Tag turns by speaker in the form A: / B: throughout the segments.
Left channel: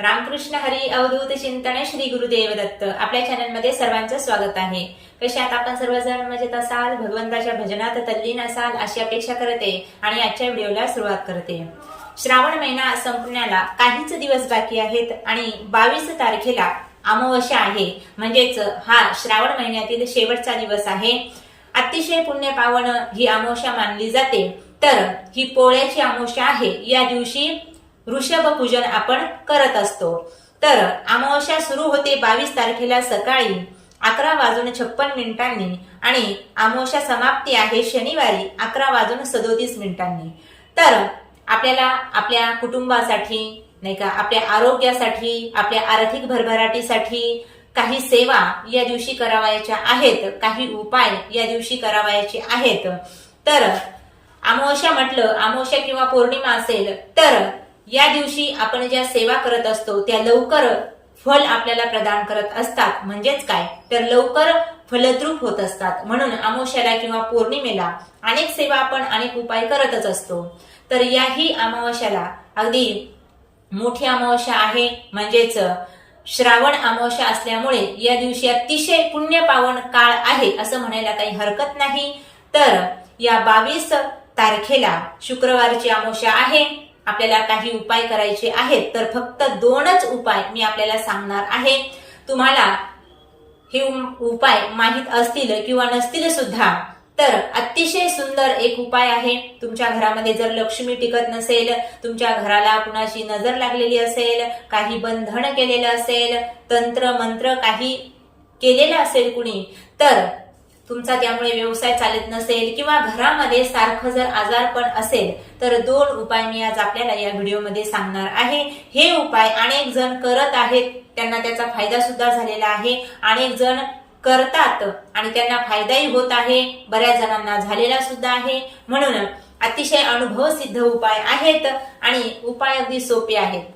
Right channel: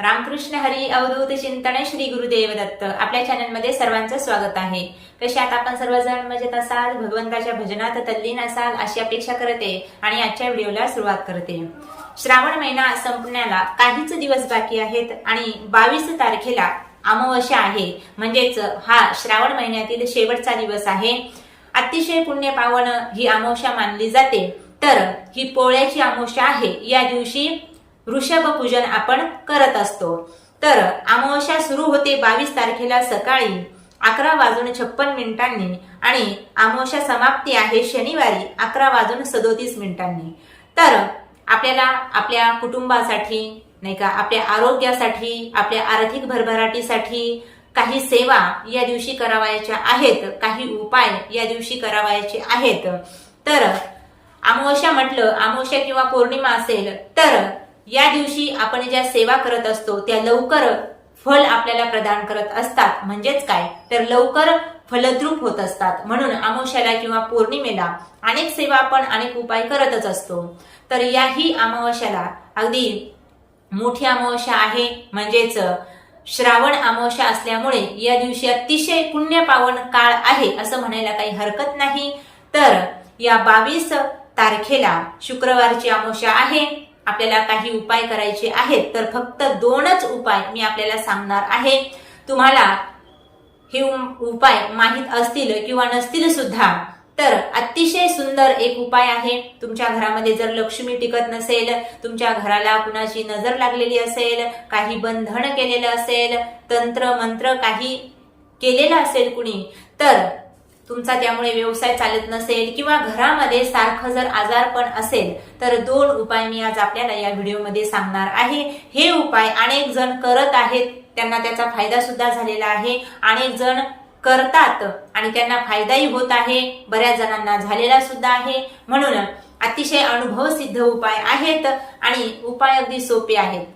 A: रामकृष्ण हरी अवधूत चिंतन श्री गुरुदेव दत्त. आपल्या चॅनलमध्ये सर्वांचं स्वागत आहे. कशात आपण सर्वजण? मजेत असाल? भगवंताच्या भजनात तल्लीन असाल? अशी अपेक्षा करते आणि आजच्या व्हिडिओला सुरुवात करते. श्रावण महिना संपण्याला काहीच दिवस बाकी आहेत आणि बावीस तारखेला अमावस्या आहे. म्हणजेच हा श्रावण महिन्यातील शेवटचा दिवस आहे. अतिशय पुण्य पावन ही अमावस्या मानली जाते. तर ही पोळ्याची अमावस्या आहे. या दिवशी ऋषभ पूजन आपण करत असतो. तर अमावस्या सुरू होते बावीस तारखेला सकाळी अकरा वाजून छप्पन मिनिटांनी आणि अमावस्या समाप्ती आहे शनिवारी अकरा वाजून सदोतीस मिनिटांनी. तर आपल्याला आपल्या कुटुंबासाठी नाही का आपल्या आरोग्यासाठी आपल्या आर्थिक भरभराटीसाठी काही सेवा या दिवशी करावायच्या आहेत काही उपाय या दिवशी करावायचे आहेत. तर अमावस्या म्हटलं अमावस्या किंवा पौर्णिमा असेल तर या दिवशी आपण ज्या सेवा करत असतो त्या लवकर फल आपल्याला प्रदान करत असतात. म्हणजेच काय? तर लवकर फलद्रूप होत असतात. म्हणून अमावस्याला किंवा पौर्णिमेला अनेक सेवा आपण अनेक उपाय करतच असतो. तर याही अमावस्याला अगदी मोठी अमावस्या आहे. म्हणजेच श्रावण अमावस्या असल्यामुळे या दिवशी अतिशय पुण्य पावन काळ आहे असं म्हणायला काही हरकत नाही. तर या बावीस तारखेला शुक्रवारची अमावस्या आहे. आपल्याला काही उपाय करायचे आहेत तर फक्त दोनच उपाय मी आपल्याला सांगणार आहे. तुम्हाला हे उपाय माहीत असतील किंवा नसतील सुद्धा तर अतिशय सुंदर एक उपाय आहे. तुमच्या घरामध्ये जर लक्ष्मी टिकत नसेल तुमच्या घराला कुणाची नजर लागलेली असेल काही बंधन केलेलं असेल तंत्र मंत्र काही केलेलं असेल कुणी तर तुमचा त्यामुळे व्यवसाय चालत नसेल किंवा घरामध्ये सारखं जर आजारपण असेल तर दोन उपाय मी आज आपल्याला या व्हिडिओमध्ये सांगणार आहे. हे उपाय अनेक जण करत आहेत त्यांना त्याचा फायदा सुद्धा झालेला आहे. अनेक जण करतात आणि त्यांना फायदाही होत आहे बऱ्याच जणांना झालेला सुद्धा आहे. म्हणून अतिशय अनुभव सिद्ध उपाय आहेत आणि उपाय अगदी सोपे आहेत.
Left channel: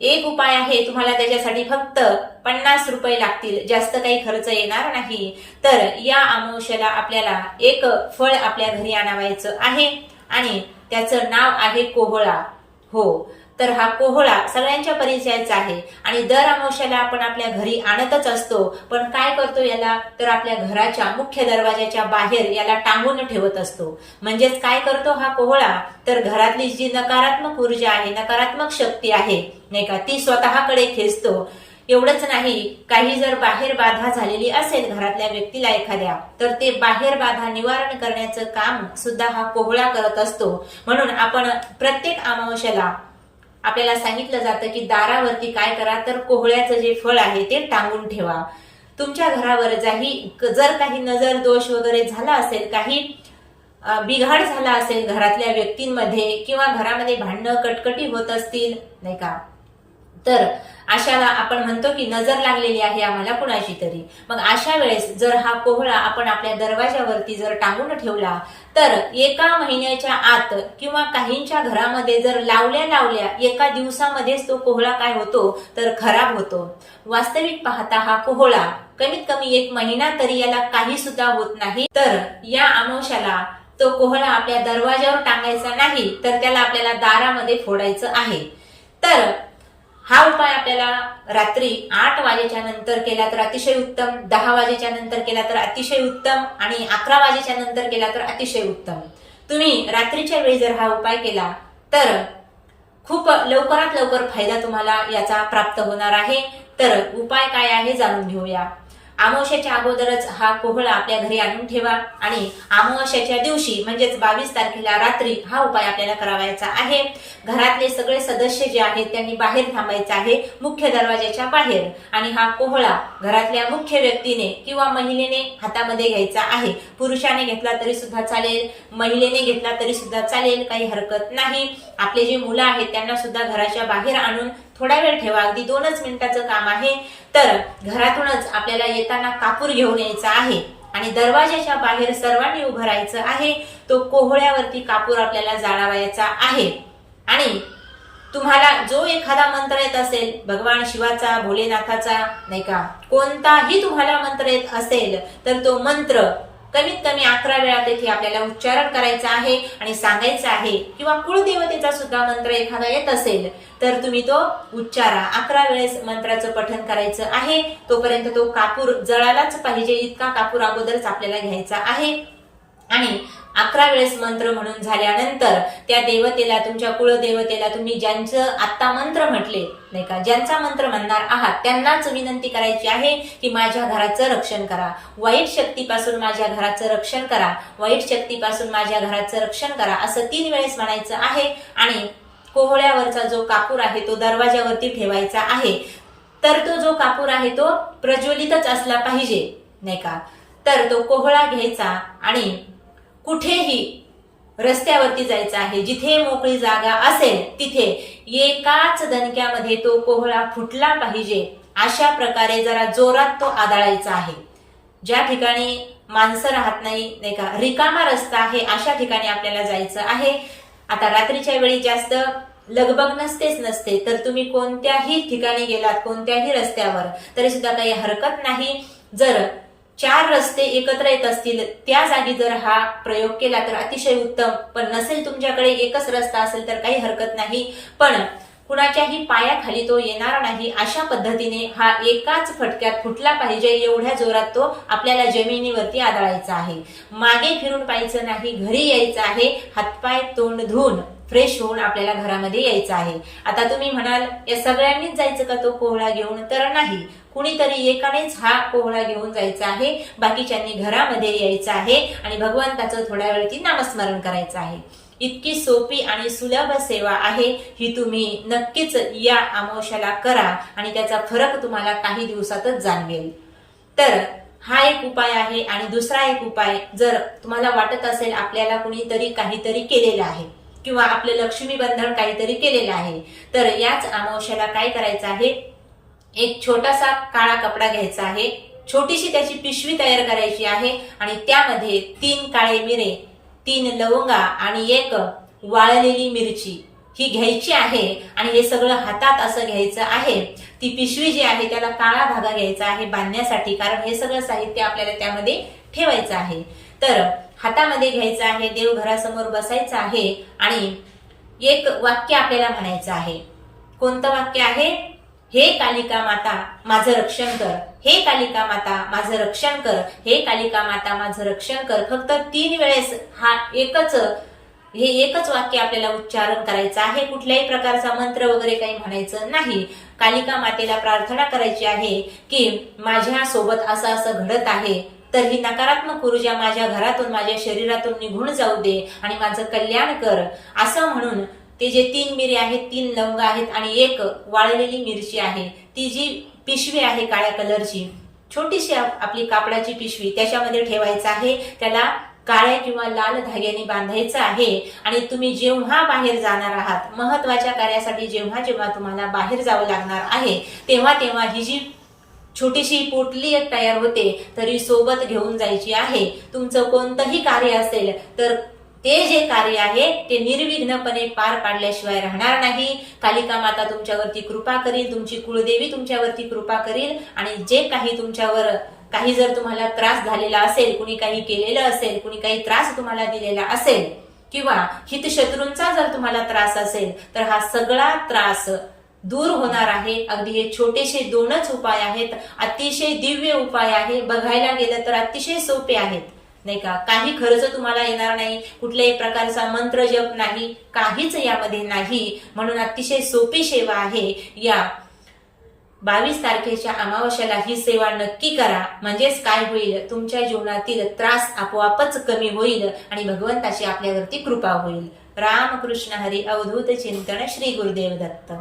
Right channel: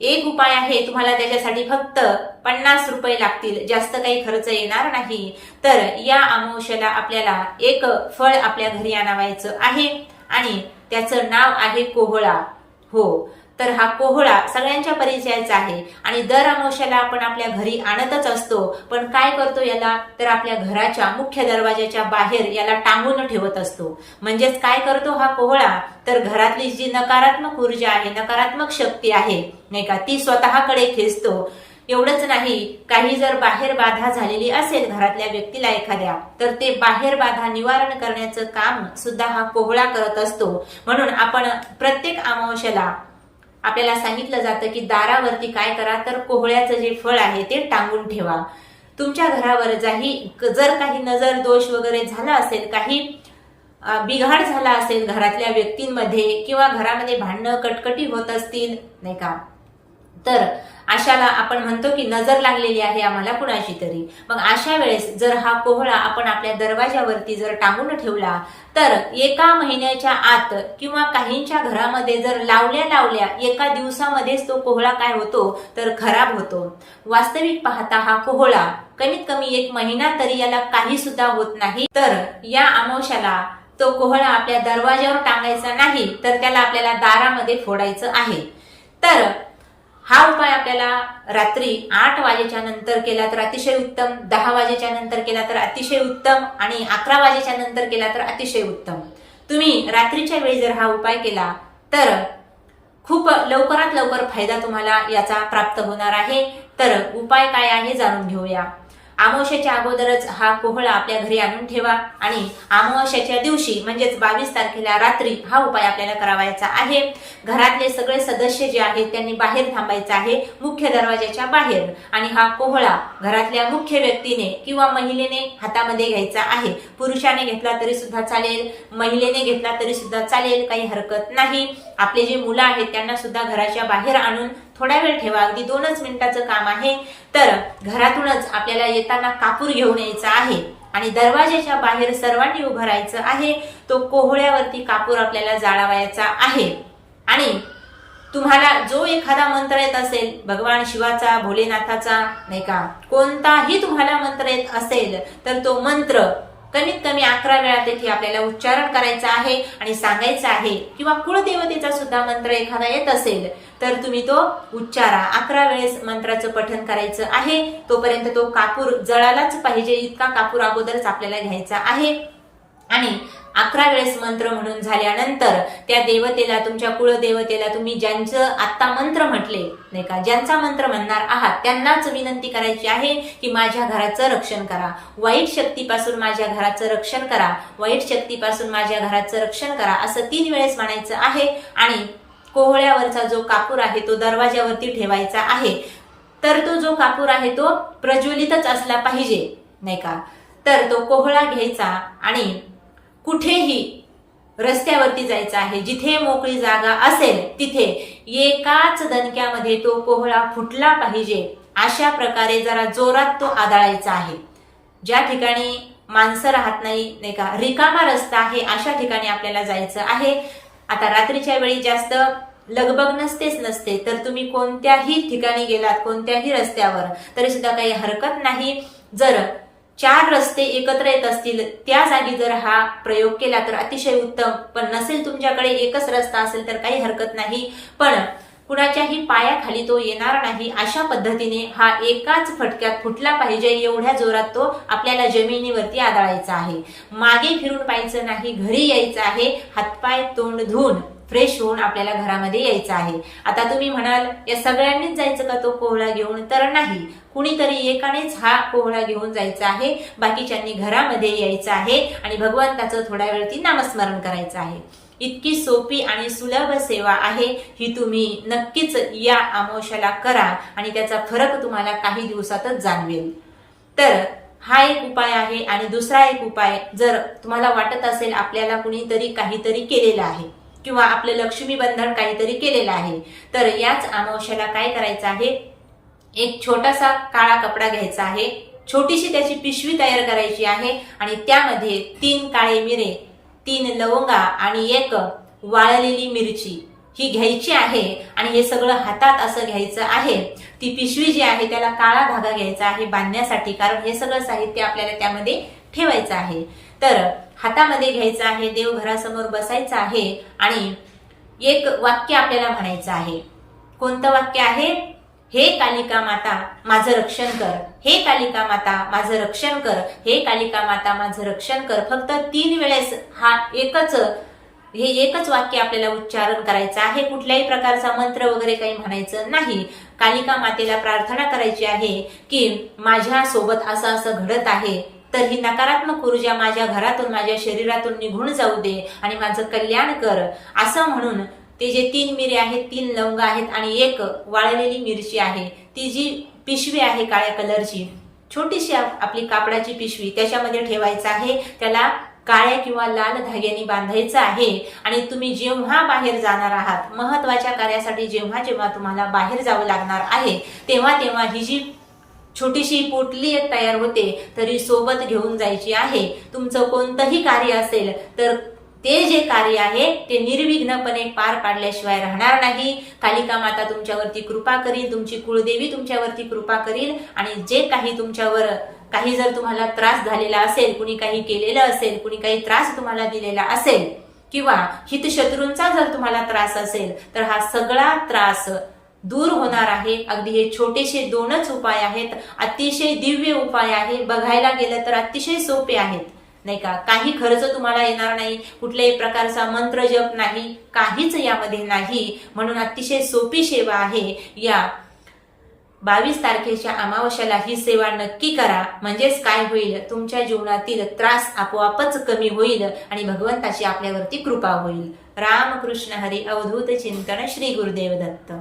A: एक उपाय आहे तुम्हाला त्याच्यासाठी फक्त पन्नास रुपये लागतील. जास्त काही खर्च येणार नाही. तर या अमावश्याला आपल्याला एक फळ आपल्या घरी आणावायचं आहे आणि त्याचं नाव आहे कोहळा. हो. तर हा कोहळा सगळ्यांच्या परिचयाचा आहे. आणि दर अमावश्याला आपण आपल्या घरी आणतच असतो. पण काय करतो याला? तर आपल्या घराच्या मुख्य दरवाजाच्या बाहेर याला टांगून ठेवत असतो. म्हणजेच काय करतो हा कोहळा? तर घरातली जी नकारात्मक ऊर्जा आहे नकारात्मक शक्ती आहे नाही का ती स्वतःकडे खेचतो. एवढंच नाही काही जर बाहेर बाधा झालेली असेल घरातल्या व्यक्तीला एखाद्या तर ते बाहेर बाधा निवारण करण्याचं काम सुद्धा हा कोहळा करत असतो. म्हणून आपण प्रत्येक अमावश्याला आपल्याला सांगितलं जातं की दारावरती काय करा तर कोहळ्याचं जे फळ आहे ते टांगून ठेवा. तुमच्या घरावर जाही जर काही नजर दोष वगैरे झाला असेल काही बिघाड झाला असेल घरातल्या व्यक्तींमध्ये किंवा घरामध्ये भांडणं कटकटी होत असतील नाही का? तर अशाला आपण म्हणतो की नजर लागलेली आहे आम्हाला कुणाची तरी. मग अशा वेळेस जर हा कोहळा आपण आपल्या दरवाजावरती जर टांगून ठेवला तर एका महिन्याच्या आत किंवा काहींच्या घरामध्ये जर लावल्या लावल्या एका दिवसामध्येच तो कोहळा काय होतो? तर खराब होतो. वास्तविक पाहता हा कोहळा कमीत कमी एक महिना तरी याला काही सुद्धा होत नाही. तर या अमावश्याला तो कोहळा आपल्या दरवाजावर टांगायचा नाही तर त्याला आपल्याला दारामध्ये फोडायचं आहे. तर हा उपाय आपल्याला रात्री आठ वाजेच्या नंतर केला तर अतिशय उत्तम दहा वाजेच्या नंतर केला तर अतिशय उत्तम आणि अकरा वाजेच्या नंतर केला तर अतिशय उत्तम. तुम्ही रात्रीच्या वेळी जर हा उपाय केला तर खूप लवकरात लवकर फायदा तुम्हाला याचा प्राप्त होणार आहे. तर उपाय काय आहे जाणून घेऊया. अमावस्याच्या अगोदरच हा कोहळा आपल्या घरी आणून ठेवा आणि अमावस्याच्या दिवशी म्हणजेच बावीस तारखेला रात्री हा उपाय आपल्याला करावायचा आहे. घरातले सगळे सदस्य जे आहेत त्यांनी बाहेर थांबायचं आहे मुख्य दरवाजाच्या बाहेर. आणि हा कोहळा घरातल्या मुख्य व्यक्तीने किंवा महिलेने हातामध्ये घ्यायचा आहे. पुरुषाने घेतला तरी सुद्धा चालेल महिलेने घेतला तरी सुद्धा चालेल काही हरकत नाही. आपले जे मुलं आहेत त्यांना सुद्धा घराच्या बाहेर आणून थोडा वेळ ठेवा. अगदी दोनच मिनिटाचं काम आहे. तर घरातूनच आपल्याला येताना कापूर घेऊन यायचा आहे आणि दरवाजाच्या बाहेर सर्वांनी उभं राहायचं आहे. तो कोहळ्यावरती कापूर आपल्याला जाळावायचा आहे. आणि तुम्हाला जो एखादा मंत्र येत असेल भगवान शिवाचा भोलेनाथाचा नाही का कोणताही तुम्हाला मंत्र येत असेल तर तो मंत्र कमीत कमी अकरा वेळा तेथे आपल्याला उच्चारण करायचं आहे आणि सांगायचं आहे. किंवा कुळदेवतेचा सुद्धा मंत्र एखादा येत असेल तर तुम्ही तो उच्चारा. अकरा वेळेस मंत्राचं पठन करायचं आहे. तोपर्यंत तो कापूर जळालाच पाहिजे. इतका कापूर अगोदरच आपल्याला घ्यायचा आहे. आणि अकरा वेळेस मंत्र म्हणून झाल्यानंतर त्या देवतेला तुमच्या कुळदेवतेला तुम्ही ज्यांचं आत्ता मंत्र म्हटले नाही का ज्यांचा मंत्र म्हणणार आहात त्यांनाच विनंती करायची आहे की माझ्या घराचं रक्षण करा. वाईट शक्तीपासून माझ्या घराचं रक्षण करा. वाईट शक्तीपासून माझ्या घराचं रक्षण करा असं तीन वेळेस म्हणायचं आहे. आणि कोहळ्यावरचा जो कापूर आहे तो दरवाज्यावरती ठेवायचा आहे. तर तो जो कापूर आहे तो प्रज्वलितच असला पाहिजे नाही का. तर तो कोहळा घ्यायचा आणि कुठेही रस्त्यावरती जायचं आहे जिथे मोकळी जागा असेल तिथे एकाच दणक्यामध्ये तो कोहळा फुटला पाहिजे. अशा प्रकारे जरा जोरात तो आदळायचा आहे. ज्या ठिकाणी माणसं राहत नाही नाही का रिकामा रस्ता आहे अशा ठिकाणी आपल्याला जायचं आहे. आता रात्रीच्या वेळी जास्त लगबग नसतेच नसते तर तुम्ही कोणत्याही ठिकाणी गेलात कोणत्याही रस्त्यावर तरी सुद्धा काही हरकत नाही. जर चार रस्ते एकत्र येत असतील त्या जागी जर हा प्रयोग केला तर अतिशय उत्तम. पण नसेल तुमच्याकडे एकच रस्ता असेल तर काही हरकत नाही. पण कुणाच्याही पायाखाली तो येणार नाही अशा पद्धतीने हा एकाच फटक्यात फुटला पाहिजे एवढ्या जोरात तो आपल्याला जमिनीवरती आदळायचा आहे. मागे फिरून पाहायचं नाही घरी यायचं आहे हातपाय तोंड धुवून. फ्रेश होऊन आपल्याला घरामध्ये यायचं आहे. आता तुम्ही म्हणाल या सगळ्यांनीच जायचं का तो कोहळा घेऊन? तर नाही. कुणीतरी एकानेच हा कोहळा घेऊन जायचा आहे. बाकीच्यांनी घरामध्ये यायचं आहे आणि भगवंताचं थोड्या वेळती नामस्मरण करायचं आहे. इतकी सोपी आणि सुलभ सेवा आहे. ही तुम्ही नक्कीच या आमोशाला करा आणि त्याचा फरक तुम्हाला काही दिवसातच जाणवेल. तर हा एक उपाय आहे आणि दुसरा एक उपाय जर तुम्हाला वाटत असेल आपल्याला कुणीतरी काहीतरी केलेलं आहे. किंवा आपलं लक्ष्मी बंधन काहीतरी केलेलं आहे. तर याच अमावश्याला काय करायचं आहे? एक छोटासा काळा कपडा घ्यायचा आहे. छोटीशी त्याची पिशवी तयार करायची आहे आणि त्यामध्ये तीन काळे मिरे तीन लवंगा आणि एक वाळलेली मिरची ही घ्यायची आहे आणि हे सगळं हातात असं घ्यायचं आहे. ती पिशवी जी आहे त्याला काळा धागा घ्यायचा आहे बांधण्यासाठी कारण हे सगळं साहित्य आपल्याला त्यामध्ये ठेवायचं आहे. तर हातामध्ये घ्यायचं आहे देवघरासमोर बसायचं आहे आणि एक वाक्य आपल्याला म्हणायचं आहे. कोणतं वाक्य आहे? हे कालिका माता माझं रक्षण कर. हे कालिका माता माझं रक्षण कर. हे कालिका माता माझं रक्षण कर. फक्त तीन वेळेस हा एकच हे एकच वाक्य आपल्याला उच्चारण करायचं आहे. कुठल्याही प्रकारचा मंत्र वगैरे काही म्हणायचं नाही. कालिका मातेला प्रार्थना करायची आहे की माझ्या सोबत असं असं घडत आहे. तर ही नकारात्मक ऊर्जा माझ्या घरातून माझ्या शरीरातून निघून जाऊ दे आणि माझं कल्याण कर. असं म्हणून ते जे तीन मिरी आहेत तीन लवंग आहेत आणि एक वाळलेली मिरची आहे ती जी पिशवी आहे काळ्या कलरची छोटीशी आपली कापडाची पिशवी त्याच्यामध्ये ठेवायचं आहे त्याला काळ्या किंवा लाल धाग्याने बांधायचं आहे आणि तुम्ही जेव्हा बाहेर जाणार आहात महत्त्वाच्या कार्यासाठी जेव्हा जेव्हा तुम्हाला बाहेर जावं लागणार आहे तेव्हा तेव्हा ही जी छोटीशी पोटली एक तयार होते तरी सोबत घेऊन जायची आहे. तुमचं कोणतंही कार्य असेल तर ते जे कार्य आहे ते निर्विघ्नपणे पार पाडल्याशिवाय राहणार नाही. कालिका माता तुमच्यावरती कृपा करील तुमची कुळदेवी तुमच्यावरती कृपा करील आणि जे काही तुमच्यावर काही जर तुम्हाला त्रास झालेला असेल कुणी काही केलेलं असेल कुणी काही त्रास तुम्हाला दिलेला असेल किंवा हितशत्रूंचा जर तुम्हाला त्रास असेल तर हा सगळा त्रास दूर होणार आहे. अगदी हे छोटेसे दोनच उपाय आहेत. अतिशय दिव्य उपाय आहे. बघायला गेलं तर अतिशय सोपे आहेत. नाही का? काही खर्च तुम्हाला येणार नाही. कुठल्याही प्रकारचा मंत्र जप नाही. काहीच यामध्ये नाही. म्हणून अतिशय सोपी सेवा आहे. या बावीस तारखेच्या अमावस्याला ही सेवा नक्की करा. म्हणजेच काय होईल? तुमच्या जीवनातील त्रास आपोआपच कमी होईल आणि भगवंताची आपल्यावरती कृपा होईल. रामकृष्ण हरी अवधूत चिंतन श्री गुरुदेव दत्त.